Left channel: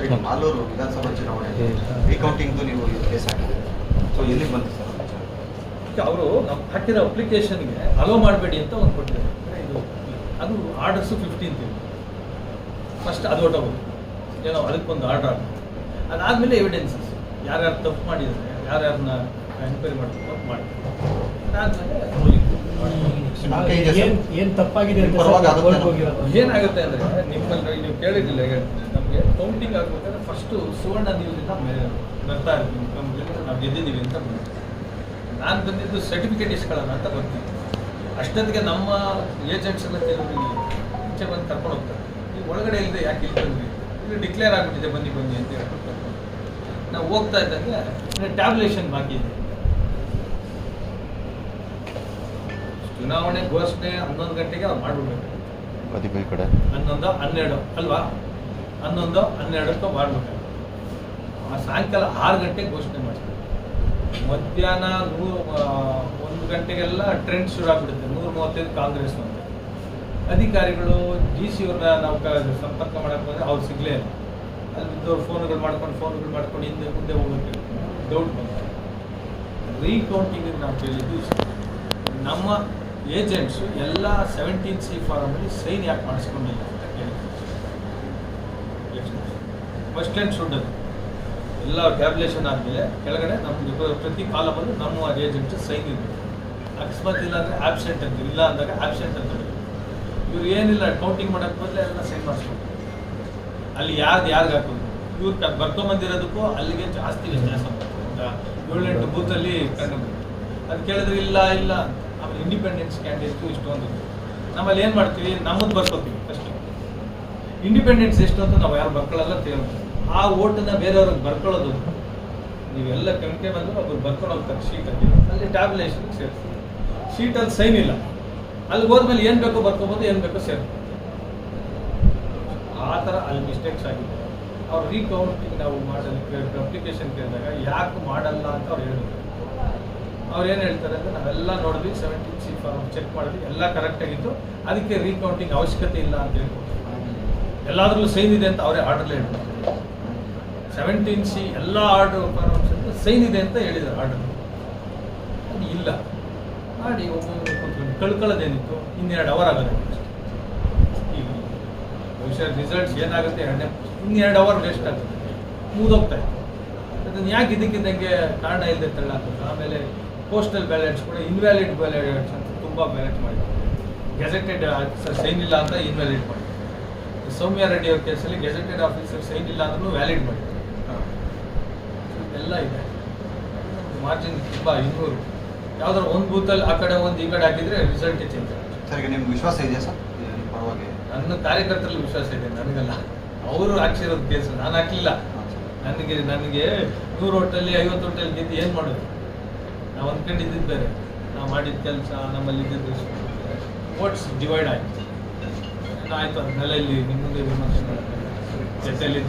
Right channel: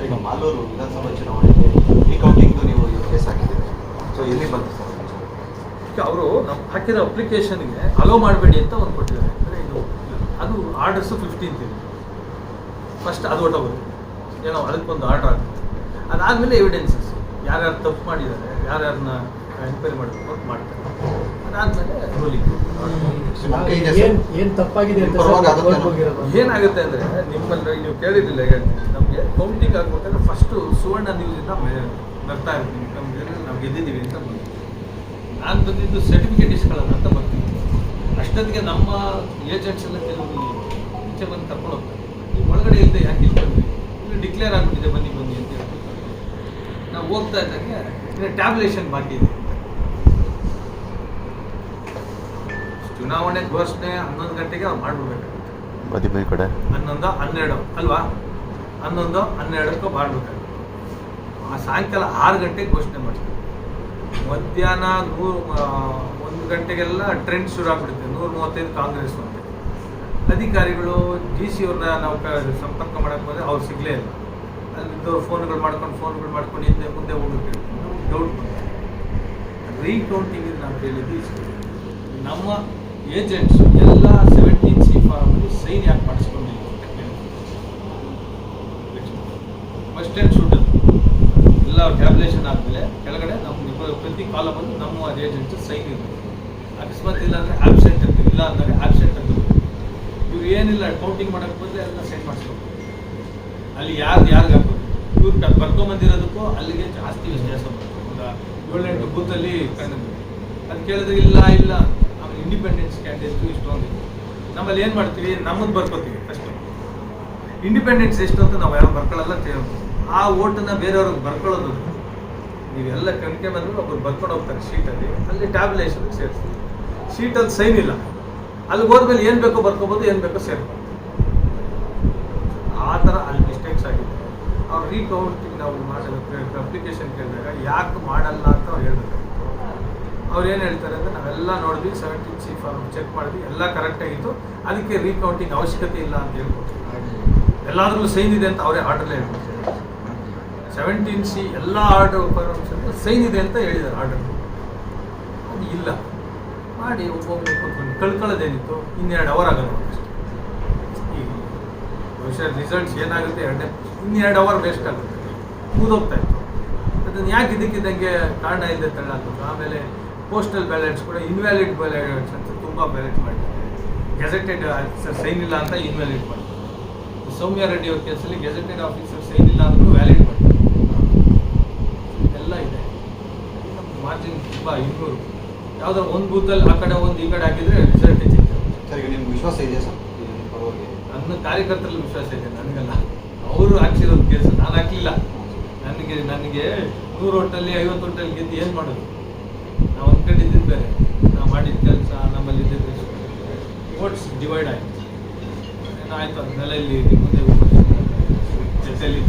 Sir, ಈಗ ಮಾಲೂರು ವಿಧಾನಸಭಾ ಚುನಾವಣೆಗೆ ರೀಕೌಂಟಿಂಗು ನೀವು ಕೇಸ್ ಹಾಕಿದ್ದೀರಿ. ಸೊ ಎಲ್ಲಿ ಬಂತು ಸರ್? ಈಗ ಅವರು ನಾವು ಹಾಕಿರೋ ಅಪ್ಲಿಕೇಶನ್ಗೆ ಅಲೋ ಮಾಡಬೇಡಿ ಅಂತ ಒಂದು ಕೊಟ್ಟಿದ್ದಾರೆ. ಅಂದರೆ ಇದು ಅದು ಆರ್ಡರ್ಸು 15th ಇದೆ. ಫಸ್ಟ್ ಅದು ಹೊಟ್ಟೋಗುತ್ತೆ, ಏನೋ ಅದಕ್ಕೊಂದು ಆರ್ಡರ್ ಆಗುತ್ತೆ. ಅದಾದಮೇಲೆ ಎವಿಡೆನ್ಸಸ್ ಯಾರ್ಯಾರು ತಪ್ಪು ಮಾಡಿದ್ದಾರೆ, ಯಾರ್ಯಾರನ್ನ ಎನ್ಕ್ವೈರಿ ಮಾಡಬೇಕು ಅಂತ ಮಾಡ್ತಾರೆ. ಅದಾದಮೇಲೆ ರೂಲಿಂಗ್ ಏನು ತಪ್ಪಾಗಿದೆ ಅಂತ ಏನಾಗುತ್ತೆ ಅಂದರೆ ನಿಮ್ಮಲ್ಲಿ ನೀವು ಕೇಳಿದ್ದಿಲ್ಲ, ಹೇಳ್ತೀನಿ. ನಮಗೆ ಕೌಂಟಿಂಗ್ ಆಗಬೇಕಾದ್ರೆ ಫಸ್ಟು ಸುವರ್ಣ ನ್ಯೂಸಿಂದ ಬರ್ತಾ ಇರ್ತೀನಿ, ನಮಗೆ ನಾವು ಗೆದ್ದಿದ್ದೀವಿ ಅಂತ ಬಂದಿದ್ದೀವಿ. ನಾನು ಬಂದಿದ್ದು ಸರ್ಟಿಫಿಕೇಟ್ ಇಸ್ಕೊಳ್ಳೋಣ ಅಂತ ಬರ್ತೀನಿ. ಅಷ್ಟೊತ್ತಿಗೆ ನಮ್ಮ ಏಜೆಂಟ್ಸ್ ಎಲ್ಲ ಕೆಲವರು ಈಚೆ ಬಂದು ಕರ್ಕೊಂಡು ಹೋಗ್ತಾರೆ. ನೀವು ಒಳಗಡೆ ಇಲ್ಲದೆ ಯಾಕೆ ಇಲ್ಲಿ ಬಂದ್ರಿ, ಇಲ್ಲಿ ಡಿಕ್ಲೇರ್ ಆಗಿಬಿಟ್ಟಿದೆ, ಬನ್ನಿ ಬನ್ನಿ ಅಂತ ಹೇಳ್ತಾರೆ. ನಾವು ಹೋಗ್ತಾ ಇದ್ದಂಗೆ ಟ್ಯಾಬ್ಲೇಷನ್ ಬಾಕಿ ಇದೆ. ಚುನಾವಣೆ ಘೋಷಣೆ 11 ಗಂಟೆಗೆ ಅವ್ರು ಮಾಡ್ಬಿಡ್ಬೇಕು. 11, 12 ಅಲ್ವಾ, 11, 12 ಮಾಡ್ಬೇಕು. ಆ ಸಾಯಂಕಾಲ 6 ಗಂಟೆಗೆ ಘೋಷಣೆ ಮಾಡ್ತಾರೆ. ಮಧ್ಯಾಹ್ನ 1 ಗಂಟೆಗೆಲ್ಲ ಟ್ರೆಂಡ್ ಶುರು ಆಗಿಬಿಡುತ್ತೆ. 135 ಕಾಂಗ್ರೆಸ್ ಅಂತ ಅಧಿಕಾರಿಗಳು DC ಅವ್ರನ್ನ ನಾವು ಸಂಪರ್ಕ ಮಾಡೋಕ್ಕೆ ಬಂದರೆ ಅವ್ರು ಸಿಗಲೇ ಇಲ್ಲ. ಅಲ್ಲಿದ್ದವ್ರು ಫೋನ್ಗಳು ಮಾಡ್ಕೊಂಡು ಹಿಂದೆ ಮುಂದೆ ಹೋಗೋಕ್ಕೆ ಡೌಟ್ ಬಂದ. ರೀಕೌಂಟಿಂಗ್ ನಾವು ಕೇಳಿದ್ದು ಇಷ್ಟ. ನಮ್ಮ ಏಜೆಂಟ್ಸು ಎಲ್ಲ 17C ಫಾರಮಲ್ಲಿ ಸೈನ್ ಯಾಕೆ ಮಾಡಿಸ್ಕೊಂಡಿಲ್ಲ ಅಂತ ಕೇಳಿದ್ರು. ಫಸ್ಟ್ ಆ್ಯಂಡ್ ಶುಡ್ ಎಲ್ಲ ಟ್ಯಾಬ್ಲೇಷನ್ ಆದಮೇಲೆ ಕೆಳಗಡೆ ನಮ್ಮ ಪ್ರತಿ ಕಾಲಮಲ್ಲಿ ನಮ್ಮ ಏಜೆಂಟ್ ಸೈನ್ ಇರಬೇಕು. ಅಕಸ್ಮಾತ್ ಇಲ್ಲ ಅಂದರೆ ಆಬ್ಸೆಂಟ್ ಅಂತೀವಿ, ಇಲ್ಲ ಅಂದಾಗ ಆಬ್ಸೆಂಟ್ ಅಂತೀವಿ. ಇವ್ರು ಏನಿಲ್ಲ, ಕೌಂಟಿಂಗ್ ಮಾಡೋಕ್ಕೆ ಬದಲೇ ಎಲ್ಲ ಸೈನ್ ಮಾಡಿಸ್ಬೇಕು. ಅಲ್ಲಿ ಯಾರಿಗೆ ಹಾಕೋದು, ಇವ್ರು ಬರ್ಕೊಂಬಂದಿರೋದಕ್ಕೂ ಅಲ್ಲಿಗೆ ಜಾಸ್ತಿ ವ್ಯತ್ಯಾಸ ಬರುತ್ತೆ. ಒಂದು 7-8 ಬೂತಲ್ಲಿ ಕಂಡು ಬರುತ್ತೆ. ಅದು ಕೇಳಿದ್ರೆ ಇಲ್ಲ. ಆಮೇಲೆ ಇಂಡಿಪೆಂಡೆನ್ಸ್ ಕ್ಯಾಂಡಿಡೇಟು ಇಷ್ಟೊಂದು. ನಮ್ಮಲ್ಲಿ ಏನು ಮಾಡ್ತೀವಿ, ನಮ್ಮದು ಬರ್ಕೋತೀವಿ ಅಷ್ಟೇ. ಇಂಡಿಪೆಂಡೆನ್ಸ್ ಎಷ್ಟು ಅಂತ ನಾವು ಯಾರು ಬರ್ಕೊಳ್ಳಲ್ಲ ತೇಳ್ತೀವಿ. ಆ ಓಟನ್ನ ಬೇರೆಯವ್ರಿಗೆ ಬರ್ಕೊಳ್ಳೋದು. ನೀವೆಲ್ಲ ಕಣ್ಕೆ ಬಂದರೂ ಒಬ್ಬರು ಬರ್ಕೊಂಡು ಹೋಗ್ತಾರೆ ಶೀಟಲ್ಲಿ, ಅಲ್ಲಿ ಟ್ಯಾಬ್ಲೇಷನ್ಗೆ ಸೇರಿಸ್ತೀವಿ. ಶೀಟಲ್ಲಿ ಸೈನ್ ಇಲ್ಲ, ಅಲ್ಲಿ ಹೋದ್ಮೇಲೆ ಏನು ಬೇಕೋ ಬರ್ಕೋಬೋದು, ಏನು ಬೇಕೋ ಸೇರ್ಬೋದು. ಆ ಥರ ಅಲ್ಲಿ ಮಿಸ್ಟೇಕ್ಸ್ ಆಗಿದೆ. ಅವ್ರು ರೀಕೌಂಟಿಂಗ್ ನಾವು ಮಾಡೋದಕ್ಕೆ ಅಪ್ಲಿಕೇಶನ್ ಕೇಳಿದಾಗ ಯಾಕೆ ಮಾಡಲ್ಲ ಅಂತ ಅವ್ರು ಹೇಳ್ಬೇಕು. ಅವ್ರು ಏನು ಹೇಳ್ತಾರೆ ಅಂದರೆ, ನಾವೆಲ್ಲ ನೋಡಿದ್ವಿ, 17C ಫಾರ್ಮ್ ಚೆಕ್ ಮಾಡಿದ್ವಿ, ಎಲ್ಲ ಕರೆಕ್ಟಾಗಿತ್ತು, ಅದಕ್ಕೆ ರೀಕೌಂಟಿಂಗ್ ಅವಶ್ಯಕತೆ ಇಲ್ಲ ಅಂತ ಹೇಳ್ಬೋದು. ಎಲ್ಲಾದ್ರಲ್ಲೂ ಸೈನ್ ಇದೆ ಅಂತ ಅವರೇ ಆರ್ಡ್ರಲ್ಲೇ ಹೇಳ್ಬೋದು. 17C ಎಲ್ಲ ಆರ್ಡರ್ ಫಾರ್ಮ್ಸ್ ಅಂತ ಸೈನ್ ಇದೆ ಅಂತ ಹೇಳಿದ್ದಾರೆ ಆರ್ಡರ್. ಅದು ಇಲ್ಲ ಮಾಡಿ ಒಬ್ಬೊಬ್ಬರು ಕೂತ್ಕೊಂಡು ಕಳ್ಕೊಳ್ಳೋದೇನಿತ್ತು, 2 ಅವರ್ ಆಗೋದು ಅಷ್ಟೇ. ಈಗ ಬಹುಶಃ ರಿಸಲ್ಟ್ಸ್ ಏನಾಗುತ್ತೆ 2 ಅವರ್ ವೇಸ್ಟ್ ಆಗುತ್ತೆ, ಮುಗಿದೋಗ್ತಾ ಇತ್ತು. ಅದನ್ನು ಯಾಕೆ ಇದಕ್ಕಿದ್ದಂಗೆ ಕಾರಣ ಇಲ್ಲದೆ ತಳ್ಳಾಕೋದು. ಆಮೇಲೆ ಪೋಸ್ಟಲ್ ಬ್ಯಾಲೆಟ್ಸ್ ಕೂಡ ಇನ್ವ್ಯಾಲಿಡ್ ಬ್ಯಾಲೆಟ್ಸ್ ಅಂತ ತುಂಬ ಬ್ಯಾಲೆಟ್ ಮಾಡಿದ್ದಾರೆ. ಗೆಜೆಟೆಡ್ ಆಫೀಸರ್ ಸೈನ್ ಇಲ್ಲ ಅಂತ ಇನ್ವ್ಯಾಲಿಡ್ ಮಾಡಿ. ಸೌಮ್ಯ ರೆಡ್ಡಿ ಅವ್ರ ಕೇಸಲ್ಲಿ ಗೆಜೆಟೆಡ್ ಆಫೀಸರ್ ಸೈನ್ ಇಲ್ಲ ಅಂದ್ರೂ ವ್ಯಾಲಿಡ್ ಮಾಡಿ ಎಲ್ಲ ಇದೆ. ನಮ್ಗೆ ಮಾರ್ಜಿನ್ ತುಂಬ 200. ಯಾವುದಾದ್ರು ಒಂದು ಬೂತಲ್ಲಿ ಆ ಕಡೆ ಒಂದು ಈ ಕಡೆ ಹಾಕಿದರೆ ರಿಸಲ್ಟ್ ಹೆಚ್ಚಿಗೆ. ಸರ್, ನಿಮ್ಗೆ ವಿಶ್ವಾಸ ಇದೆಯಾ ಸರ್ ಪರವಾಗಿ? ನನ್ನ ಕಾರ್ಯಕರ್ತರಲ್ಲಿ ವಿಶ್ವಾಸ ಇದೆ, ನನಗಲ್ಲ. ಅವರು ಹಾಕ್ಸಿರೋದು ಕೇಸು, ನಾನು ಹಾಕಲಿಲ್ಲ. ನನಗೆ 100 ಓಟಲ್ಲಿ 50 ಓಟಲ್ಲಿ ಗೆದ್ದು ಏನು ಮಾಡೋದು? ನಾವು ಅಂದ್ಕೊಂಡಿದ್ದು ಬೇರೆ, ನಾವು ಮಾಡಿದ ಕೆಲಸ, ನಮ್ಮಲ್ಲಿ ಇದ್ದಿದ್ದು ವೋಟ್ಸ್ ಡಿವೈಡ್ ಆಯಿತು. ಆಯಿತು, ಅದನ್ನೆಲ್ಲ ಇಲ್ಲಿ ನಿಮ್ಮ ಮುಂದೆ ವಿಮರ್ಶೆ ಜೊತೆಯಲ್ಲಿ